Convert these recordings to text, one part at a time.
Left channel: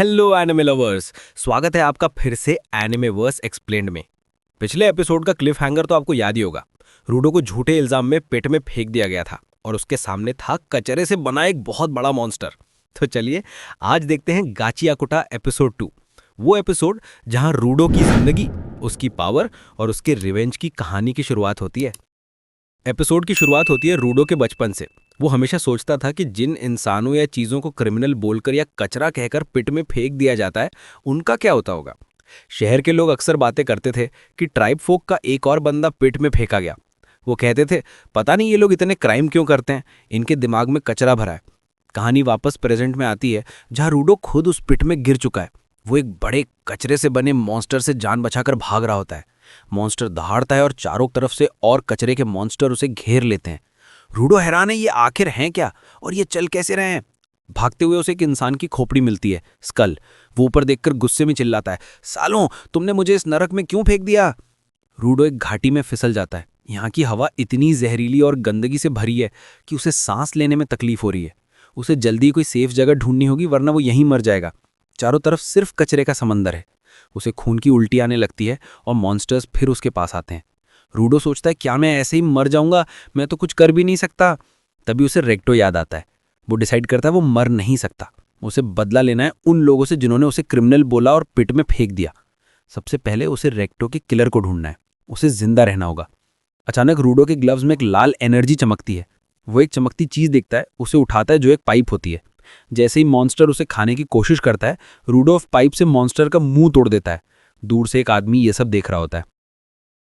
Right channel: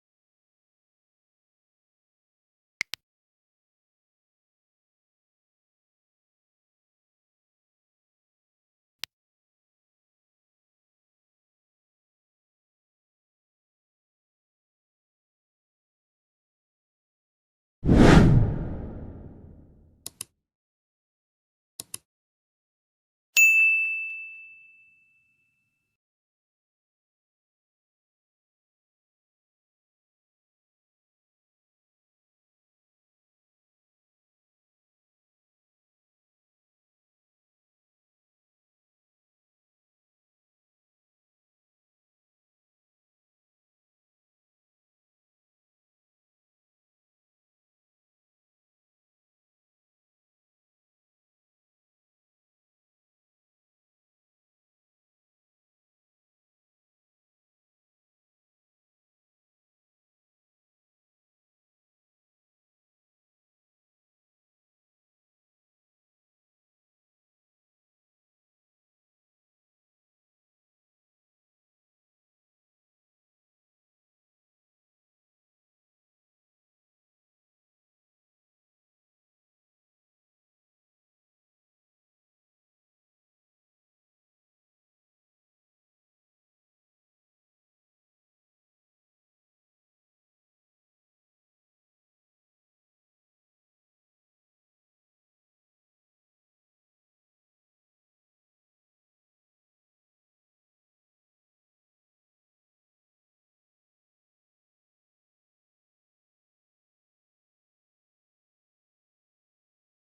Hello anime lovers, स्वागत है आपका फिर से एनिमेवर्स एक्सप्लेन्ड में। पिछले एपिसोड का क्लिफ हैंगर तो आपको याद ही होगा। रूडो को झूठे इल्जाम में पेट में फेंक दिया गया था और उसके सामने था कचरे से बना एक बहुत बड़ा मॉन्स्टर। तो चलिए आज देखते हैं गाचियाकुटा एपिसोड 2, वो एपिसोड जहां रूडो की जिंदगी, उसकी पावर और उसके रिवेंज की कहानी की शुरुआत होती है। एपिसोड की शुरुआत होती है रूडो के बचपन से। वो हमेशा सोचता था कि जिन इंसानों या चीज़ों को क्रिमिनल बोलकर या कचरा कहकर पिट में फेंक दिया जाता है, उनका क्या होता होगा। शहर के लोग अक्सर बातें करते थे कि ट्राइब फोक का एक और बंदा पिट में फेंका गया। वो कहते थे, पता नहीं ये लोग इतने क्राइम क्यों करते हैं, इनके दिमाग में कचरा भरा है। कहानी वापस प्रेजेंट में आती है, जहां रूडो खुद उस पिट में गिर चुका है। वो एक बड़े कचरे से बने मॉन्स्टर से जान बचाकर भाग रहा होता है। मॉन्स्टर दहाड़ता है और चारों तरफ से और कचरे के मॉन्स्टर उसे घेर लेते हैं। रूडो हैरान है, ये आखिर हैं क्या और ये चल कैसे रहे हैं। भागते हुए उसे एक इंसान की खोपड़ी मिलती है, स्कल। वो ऊपर देखकर गुस्से में चिल्लाता है, सालों तुमने मुझे इस नरक में क्यों फेंक दिया। रूडो एक घाटी में फिसल जाता है। यहाँ की हवा इतनी जहरीली और गंदगी से भरी है कि उसे सांस लेने में तकलीफ हो रही है। उसे जल्दी कोई सेफ जगह ढूंढनी होगी, वरना वो यहीं मर जाएगा। चारों तरफ सिर्फ कचरे का समंदर है। उसे खून की उल्टी आने लगती है और मॉन्स्टर्स फिर उसके पास आते हैं। रूडो सोचता है, क्या मैं ऐसे ही मर जाऊंगा, मैं तो कुछ कर भी नहीं सकता। तभी उसे रेक्टो याद आता है। वो डिसाइड करता है वो मर नहीं सकता। उसे बदला लेना है उन लोगों से जिन्होंने उसे क्रिमिनल बोला और पिट में फेंक दिया। सबसे पहले उसे रेक्टो के किलर को ढूंढना है। उसे जिंदा रहना होगा। अचानक रूडो के ग्लव्स में एक लाल एनर्जी चमकती है। वो एक चमकती चीज देखता है, उसे उठाता है जो एक पाइप होती है। जैसे ही मॉन्स्टर उसे खाने की कोशिश करता है, रूडो पाइप से मॉन्स्टर का मुंह तोड़ देता है। दूर से एक आदमी ये सब देख रहा होता है।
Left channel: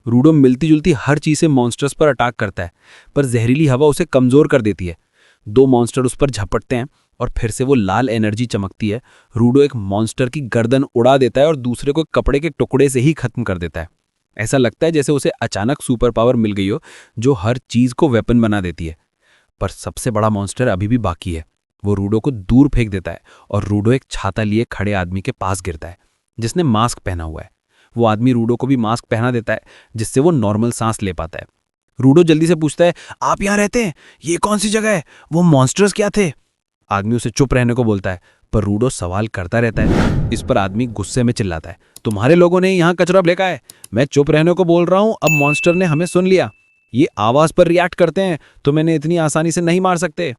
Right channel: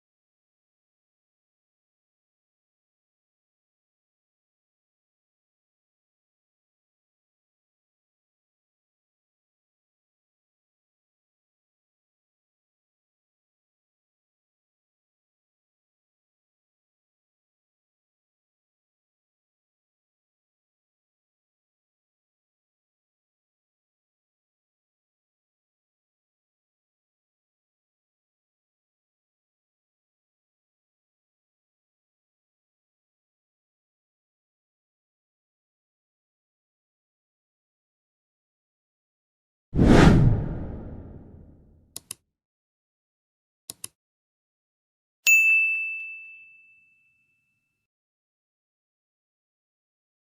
रूडो मिलती जुलती हर चीज से मॉन्स्टर्स पर अटैक करता है, पर जहरीली हवा उसे कमजोर कर देती है। दो मॉन्स्टर उस पर झपटते हैं और फिर से वो लाल एनर्जी चमकती है। रूडो एक मॉन्स्टर की गर्दन उड़ा देता है और दूसरे को कपड़े के टुकड़े से ही खत्म कर देता है। ऐसा लगता है जैसे उसे अचानक सुपर पावर मिल गई हो, जो हर चीज को वेपन बना देती है। पर सबसे बड़ा मॉन्स्टर अभी भी बाकी है। वो रूडो को दूर फेंक देता है और रूडो एक छाता लिए खड़े आदमी के पास गिरता है, जिसने मास्क पहना हुआ है। वो आदमी रूडो को भी मास्क पहना देता है, जिससे वो नॉर्मल सांस ले पाता है। रूडो जल्दी से पूछता है, आप यहाँ रहते हैं, ये कौन सी जगह है, वो मॉन्स्टर्स क्या थे। आदमी उसे चुप रहने को बोलता है, पर रूडो सवाल करता रहता है। इस पर आदमी गुस्से में चिल्लाता है, तुम्हारे लोगों ने यहाँ कचरा फेंका है, मैं चुप रहने को बोल रहा हूँ, अब मॉन्स्टर ने हमें सुन लिया। ये आवाज पर रिएक्ट करते हैं, तो मैंने इतनी आसानी से नहीं मार सकते।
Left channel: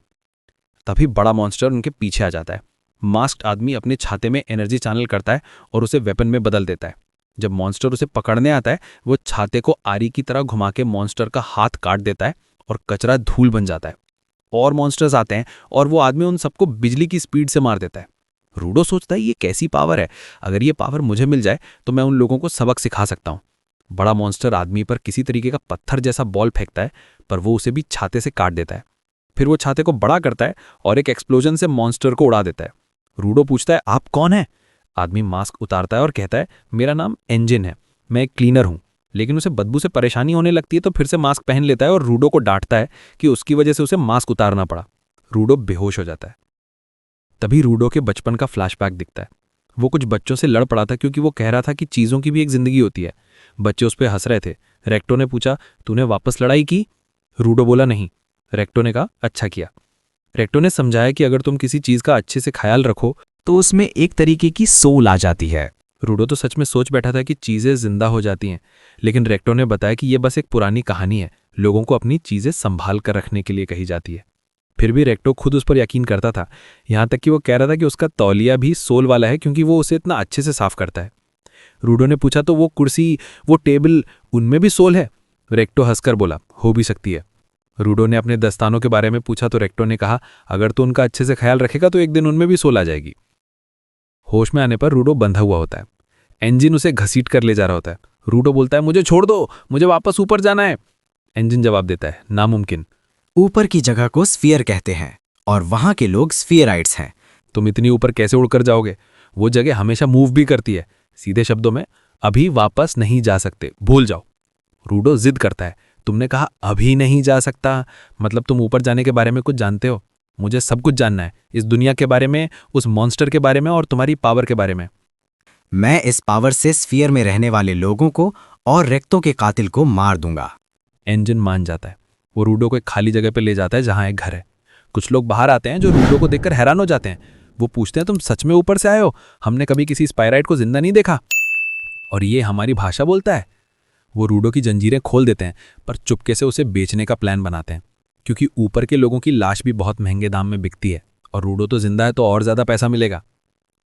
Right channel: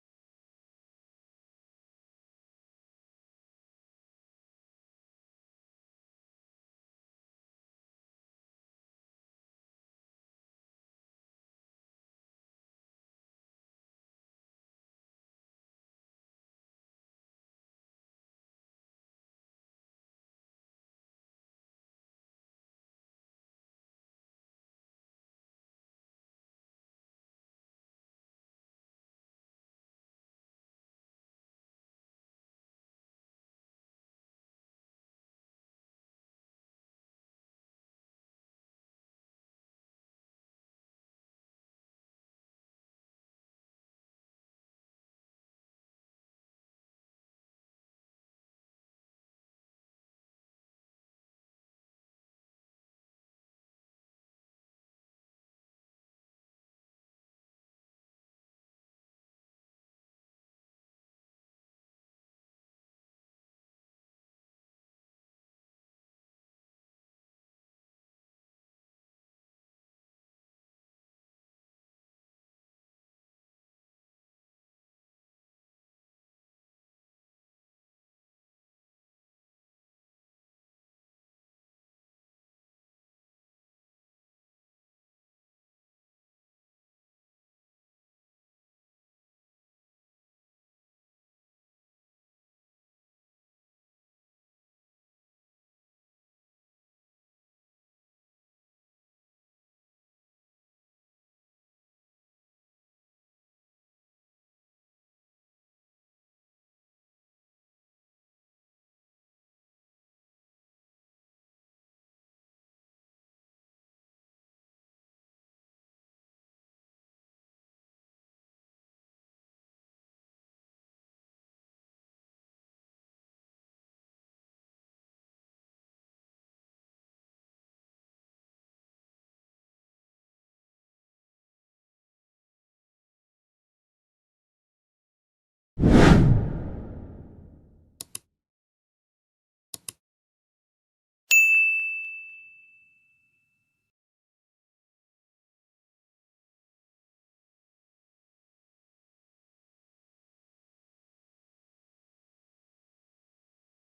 तभी बड़ा मॉन्स्टर उनके पीछे आ जाता है। मास्क्ड आदमी अपने छाते में एनर्जी चैनल करता है और उसे वेपन में बदल देता है। जब मॉन्स्टर उसे पकड़ने आता है, वो छाते को आरी की तरह घुमा के मॉन्स्टर का हाथ काट देता है और कचरा धूल बन जाता है। और मॉन्स्टर्स आते हैं और वो आदमी उन सबको बिजली की स्पीड से मार देता है। रूडो सोचता है, ये कैसी पावर है, अगर ये पावर मुझे मिल जाए तो मैं उन लोगों को सबक सिखा सकता हूँ। बड़ा मॉन्स्टर आदमी पर किसी तरीके का पत्थर जैसा बॉल फेंकता है, पर वो उसे भी छाते से काट देता है। फिर वो छाते को बड़ा करता है और एक एक्सप्लोजन से मॉन्स्टर को उड़ा देता है। रूडो पूछता है, आप कौन है। आदमी मास्क उतारता है और कहता है, मेरा नाम एंजिन है, मैं एक क्लीनर हूँ। लेकिन उसे बदबू से परेशानी होने लगती है, तो फिर से मास्क पहन लेता है और रूडो को डांटता है कि उसकी वजह से उसे मास्क उतारना पड़ा। रूडो बेहोश हो जाता है। तभी रूडो के बचपन का फ्लैशबैक दिखता है। वो कुछ बच्चों से लड़ पड़ा था क्योंकि वो कह रहा था कि चीज़ों की भी एक जिंदगी होती है। बच्चे उस पर हंस रहे थे। रेक्टो ने पूछा, तूने वापस लड़ाई की। रूडो बोला, नहीं। रेक्टो ने कहा, अच्छा किया। रेक्टो ने समझाया कि अगर तुम किसी चीज़ का अच्छे से ख्याल रखो तो उसमें एक तरीके की सोल आ जाती है। रूडो तो सच में सोच बैठा था कि चीज़ें जिंदा हो जाती हैं, लेकिन रेक्टो ने बताया कि यह बस एक पुरानी कहानी है, लोगों को अपनी चीज़ें संभाल कर रखने के लिए कही जाती है। फिर भी रेक्टो खुद उस पर यकीन करता था, यहाँ तक कि वो कह रहा था कि उसका तौलिया भी सोल वाला है क्योंकि वो उसे इतना अच्छे से साफ करता है। रूडो ने पूछा, तो वो कुर्सी, वो टेबल, उनमें भी सोल है। रेक्टो हंसकर बोला, हो भी सकती है। रूडो ने अपने दस्तानों के बारे में पूछा तो रेक्टो ने कहा, अगर तू उनका अच्छे से ख्याल रखेगा तो एक दिन उनमें भी सोल आ जाएगी। होश में आने पर रूडो बंधा हुआ होता है। इंजन उसे घसीट कर ले जा रहा होता है। रूडो बोलता है, मुझे छोड़ दो, मुझे वापस ऊपर जाना है। इंजन जवाब देता है, नामुमकिन। ऊपर की जगह को स्फीयर कहते हैं और वहां के लोग स्फीयराइट्स हैं। तुम इतनी ऊपर कैसे उड़कर जाओगे, वो जगह हमेशा मूव भी करती है। सीधे शब्दों में, अभी वापस नहीं जा सकते, भूल जाओ। रूडो जिद करता है, तुमने कहा अभी नहीं जा सकता, मतलब तुम ऊपर जाने के बारे में कुछ जानते हो। मुझे सब कुछ जानना है, इस दुनिया के बारे में, उस मॉन्स्टर के बारे में और तुम्हारी पावर के बारे में। मैं इस पावर से स्फीयर में रहने वाले लोगों को और रेक्टों के कातिल को मार दूंगा। इंजन मान जाता है। वो रूडो को एक खाली जगह पर ले जाता है जहां एक घर है। कुछ लोग बाहर आते हैं जो रूडो को देखकर हैरान हो जाते हैं। वो पूछते हैं तुम सच में ऊपर से आए हो, हमने कभी किसी स्पाइराइट को जिंदा नहीं देखा और ये हमारी भाषा बोलता है। वो रूडो की जंजीरें खोल देते हैं पर चुपके से उसे बेचने का प्लान बनाते हैं, क्योंकि ऊपर के लोगों की लाश भी बहुत महंगे दाम में बिकती है और रूडो तो जिंदा है तो और ज़्यादा पैसा मिलेगा।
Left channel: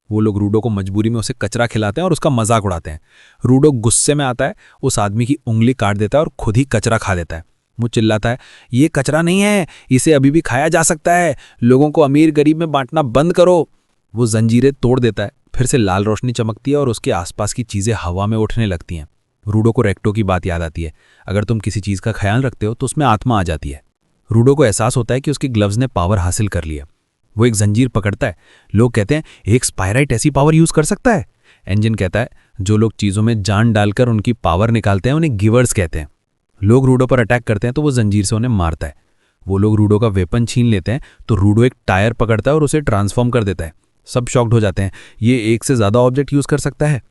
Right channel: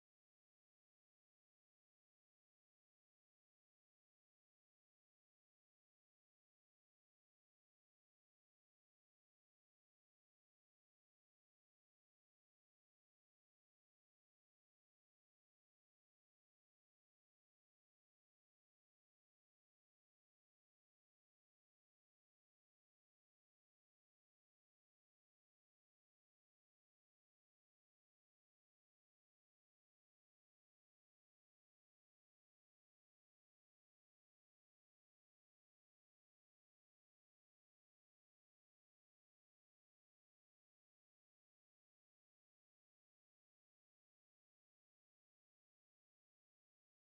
वो लोग रूडो को मजबूरी में उसे कचरा खिलाते हैं और उसका मजाक उड़ाते हैं। रूडो गुस्से में आता है, उस आदमी की उंगली काट देता है और खुद ही कचरा खा देता है। वो चिल्लाता है, ये कचरा नहीं है, इसे अभी भी खाया जा सकता है, लोगों को अमीर गरीब में बांटना बंद करो। वो जंजीरें तोड़ देता है, फिर से लाल रोशनी चमकती है और उसके आसपास की चीज़ें हवा में उठने लगती हैं। रूडो को रेक्टो की बात याद आती है, अगर तुम किसी चीज़ का ख्याल रखते हो तो उसमें आत्मा आ जाती है। रूडो को एहसास होता है कि उसकी ग्लव्स ने पावर हासिल कर लिया। वो एक जंजीर पकड़ता है। लोग कहते हैं एक स्पाइराइट ऐसी पावर यूज़ कर सकता है। एंजिन कहता है जो लोग चीज़ों में जान डालकर उनकी पावर निकालते हैं उन्हें गिवर्स कहते हैं। लोग रूडो पर अटैक करते हैं तो वो जंजीर से उन्हें मारता है। वो लोग रूडो का वेपन छीन लेते हैं तो रूडो एक टायर पकड़ता है और उसे ट्रांसफॉर्म कर देता है। सब शॉक्ड हो जाते हैं, ये एक से ज़्यादा ऑब्जेक्ट यूज़ कर सकता है।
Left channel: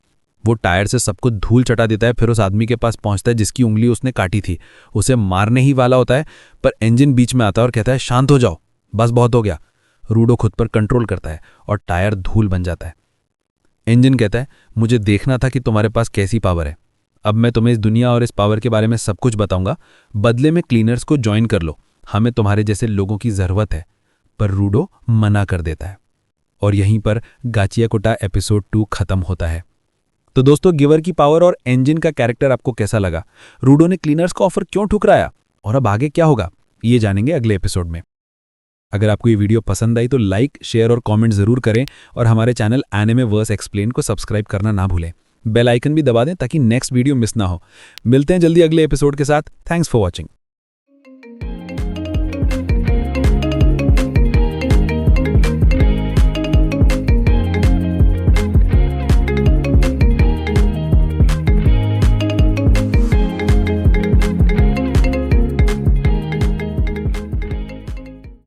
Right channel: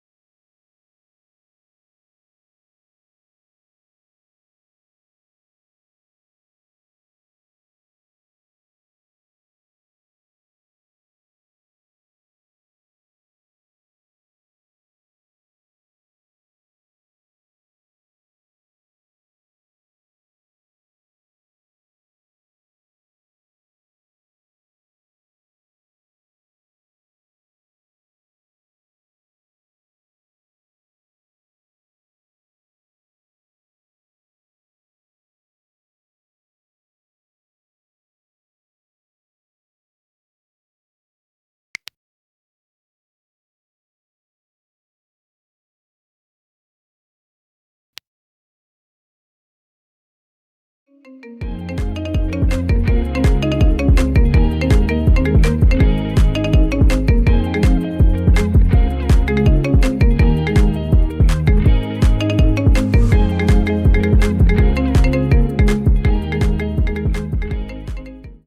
वो टायर से सबको धूल चटा देता है, फिर उस आदमी के पास पहुंचता है जिसकी उंगली उसने काटी थी। उसे मारने ही वाला होता है पर एंजिन बीच में आता है और कहता है शांत हो जाओ, बस बहुत हो गया। रूडो खुद पर कंट्रोल करता है और टायर धूल बन जाता है। इंजन कहता है मुझे देखना था कि तुम्हारे पास कैसी पावर है, अब मैं तुम्हें इस दुनिया और इस पावर के बारे में सब कुछ बताऊंगा, बदले में क्लीनर्स को ज्वाइन कर लो, हमें तुम्हारे जैसे लोगों की ज़रूरत है। पर रूडो मना कर देता है और यहीं पर गाचियाकोटा एपिसोड 2 खत्म होता है। तो दोस्तों, गिवर की पावर और इंजन का कैरेक्टर आपको कैसा लगा? रूडो ने क्लीनर्स का ऑफर क्यों ठुकराया और अब आगे क्या होगा, ये जानेंगे अगले एपिसोड में। अगर आपको ये वीडियो पसंद आई तो लाइक, शेयर और कमेंट जरूर करें और हमारे चैनल एनिमे वर्स एक्सप्लेन को सब्सक्राइब करना ना भूलें। बेल आइकन भी दबा दें ताकि नेक्स्ट वीडियो मिस ना हो। मिलते हैं जल्दी अगले एपिसोड के साथ। Thanks for watching.